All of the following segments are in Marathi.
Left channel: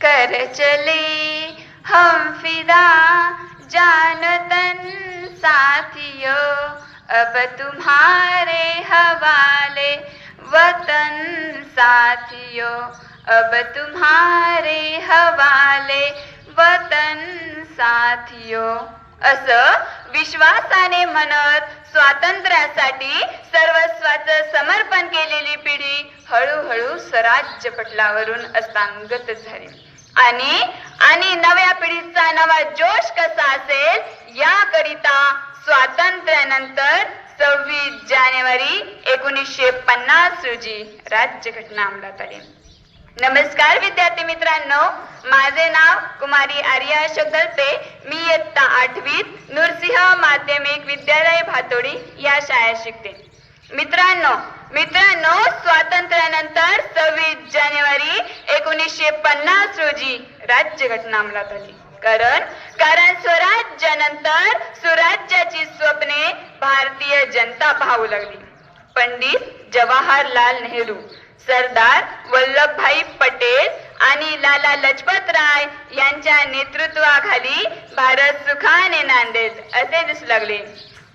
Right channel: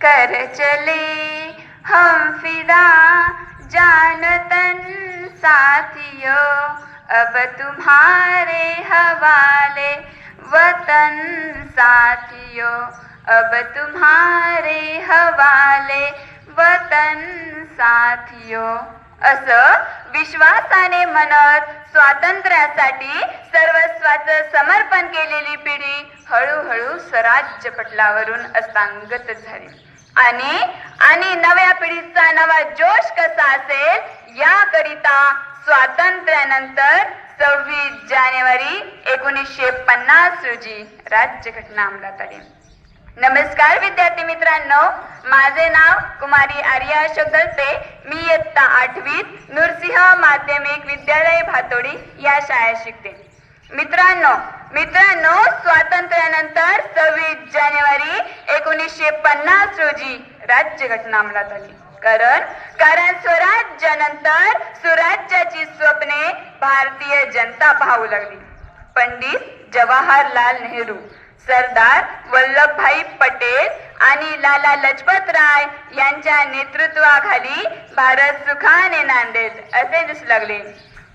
कर चले हम फिदा जान तन साथियों, अब तुम्हारे हवाले वतन साथियों, अब तुम्हारे हवाले वतन साथियों. असं विश्वासाने म्हणत स्वातंत्र्यासाठी सर्वस्वाचं समर्पण केलेली पिढी हळूहळू स्वराज्य पटलावरून अस्तांगत झाली. आणि नव्या पिढीचा नवा जोश कसा असेल याकरिता स्वातंत्र्यानंतर 26 जानेवारी 1950 रोजी राज्यघटना अंमलात आली. नमस्कार विद्यार्थी मित्रांनो, माझे नाव कुमारी आर्या अशोक दलते. मी इयत्ता 8वीत नृसिंह माध्यमिक विद्यालय भातोडी या शाळेत शिकते. मित्रांनो स्वातंत्र्यानंतर 26 जानेवारी 1950 रोजी राज्यघटना अंमलात आली. कारण स्वराज्यानंतर सुराज्याची स्वप्ने भारतीय जनता पाहू लागली. पंडित जवाहरलाल नेहरू, सरदार वल्लभभाई पटेल आणि लाला लजपत राय यांच्या नेतृत्वाखाली भारत सुखाने नांदेल असे दिसू लागले.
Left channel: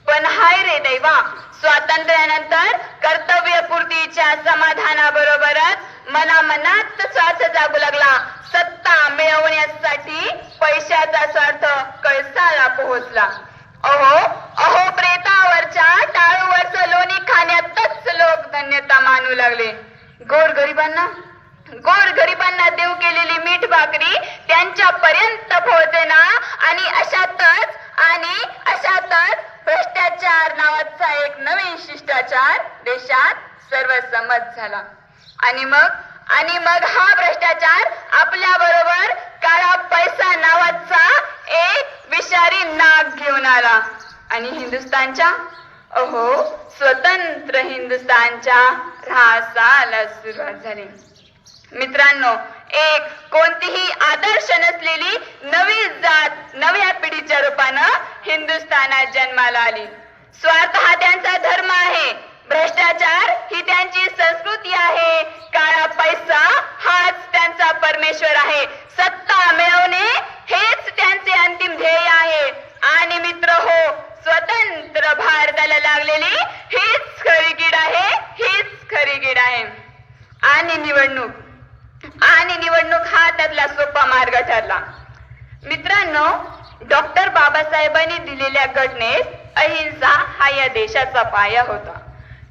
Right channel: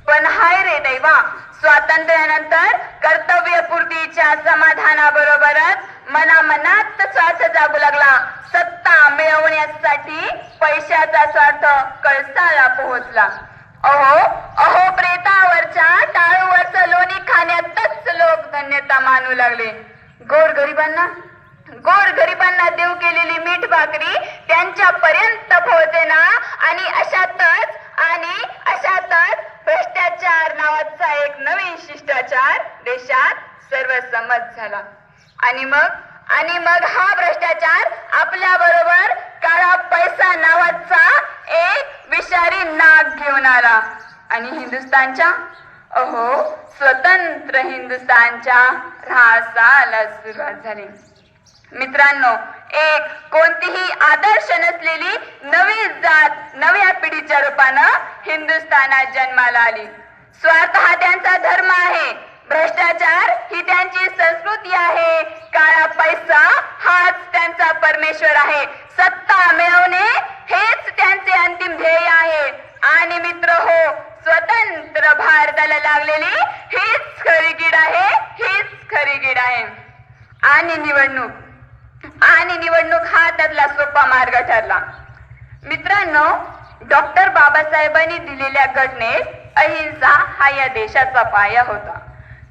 पण हाय रे दैवा, स्वातंत्र्यानंतर कर्तव्यपूर्तीच्या समाधानाबरोबरच मनात स्वार्थ जागू लागला. सत्ता मिळवण्यासाठी पैशाचा स्वार्थ कळसाला पोहोचला. अहो प्रेतावरच्या टाळूवरचं लोणी खाण्यातच लोक धन्यता मानू लागले. गोरगरिबांना देव केलेली मीठ भाकरी त्यांच्या पर्यंत पोहोचेना. आणि अशातच भ्रष्टाचार नावाचा एक नवीन शिष्टाचार देशात सर्वसम्मत झाला. आणि मग हा भ्रष्टाचार आपल्या बरोबर काळा पैसा नावाचा एक विषारी नाग घेऊन आला आणि स्वतंत्र हिंदुस्थानच्या ऱ्हासाला सुरुवात झाली. मित्रांनो, एक कोणतीही आदर्श नसलेली नवी जात नव्या पिढीच्या रूपानं हिंदुस्थानात जन्माला आली. स्वार्थ हा त्यांचा धर्म आहे, भ्रष्टाचार ही त्यांची संस्कृती आहे, काळा पैसा हाच त्यांचा परमेश्वर आहे, सत्ता मिळवणे हेच त्यांचे अंतिम ध्येय आहे. आणि मित्र हो, स्वतंत्र भारताला लागलेली हीच खरी कीड आहे. आणि निवडणूक हा त्यातला सोपा मार्ग ठरला. मित्रांनो, डॉक्टर बाबासाहेबांनी दिलेल्या घटनेत अहिंसा हा या देशाचा पाया होता.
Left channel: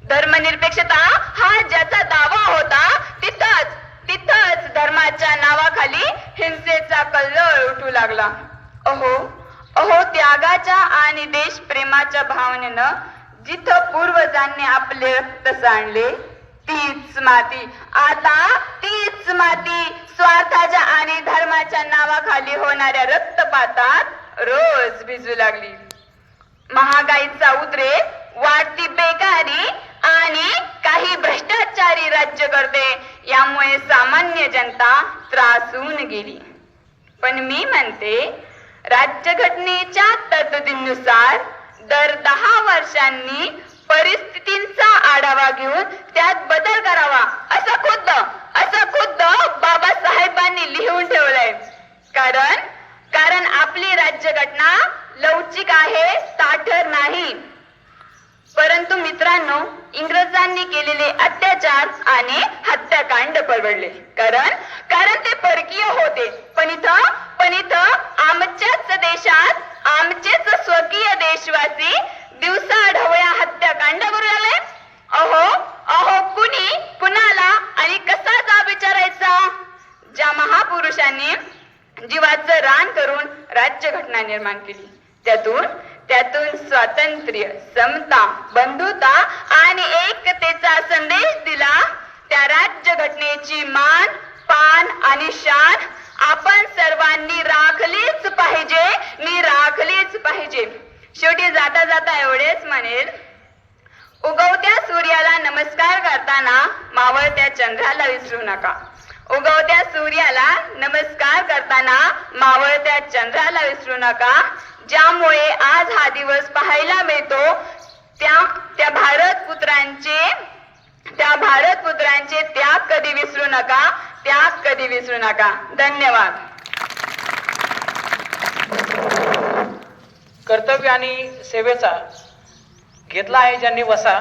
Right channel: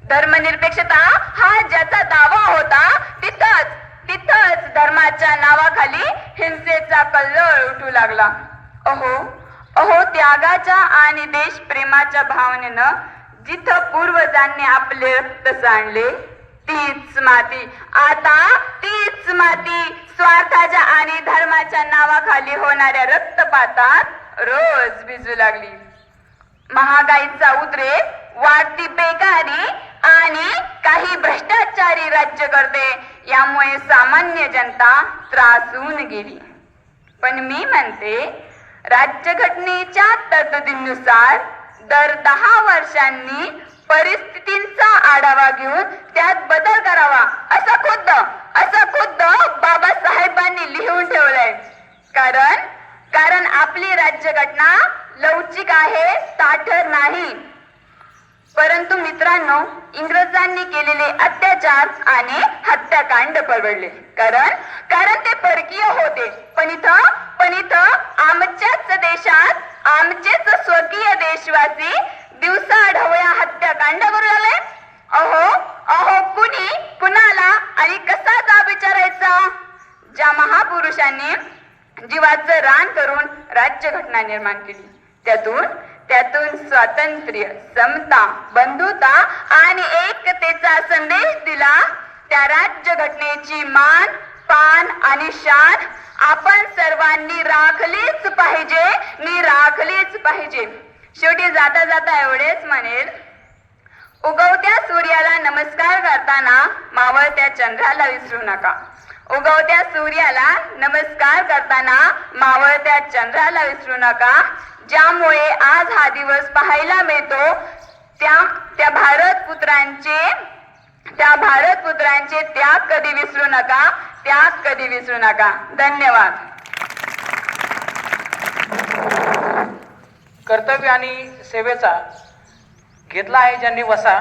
धर्मनिरपेक्षता हा ज्याचा दावा होता, तिथंच धर्माच्या नावाखाली हिंसेचा कल्लोळ उठू लागला. त्यागाच्या आणि देशप्रेमाच्या भावनेनं जिथं पूर्वजांनी आपले रक्त सांडले, तीच माती स्वार्थाच्या आणि धर्माच्या नावाखाली होणाऱ्या रक्तपातात रोज भिजू लागली. महागाईचा उद्रेक, वाढती बेकारी आणि काही भ्रष्टाचारी राज्यकर्ते यामुळे सामान्य जनता त्रासून गेली. पण मी म्हणते, राज्यघटनेच्या तरतुदींनुसार दर 10 वर्षांनी परिस्थितींचा आढावा घेऊन त्यात बदल करावा असं खुद्द बाबासाहेबांनी लिहून ठेवलंय. कारण आपली राज्यघटना लवचिक आहे, ताठर नाही. परंतु मित्रांनो, इंग्रजांनी केलेले अत्याचार आणि हत्याकांड परवडले. कारण ते परकीय होते. पण इथं आमच्याच देशात आमचेच स्वकीय देशवासी दिवसा ढवळ्या हत्याकांड करू लागले. कुणाला आणि कसा जाब विचारायचा? ज्या महापुरुषांनी जीवाचं रान करून राज्यघटना निर्माण केली, त्यातून स्वातंत्र्य, समता, बंधुता आणि एकतेचा संदेश दिला, त्या राज्यघटनेची मान, पान आणि शान आपण सर्वांनी राखलीच पाहिजे. शेवटी जाता एवढेच म्हणेल, उगवत्या सूर्याला नमस्कार करताना मावळत्या चंद्राला विसरू नका. उगवत्या सूर्याला नमस्कार करताना मावळत्या चंद्राला विसरू नका. ज्यामुळे आज हा दिवस पाहायला मिळतो, त्या भारतपुत्रांचे त्याग कधी विसरू नका. त्याग कधी विसरू नका. धन्यवाद. कर्तव्य आणि सेवेचा घेतला आहे ज्यांनी वसा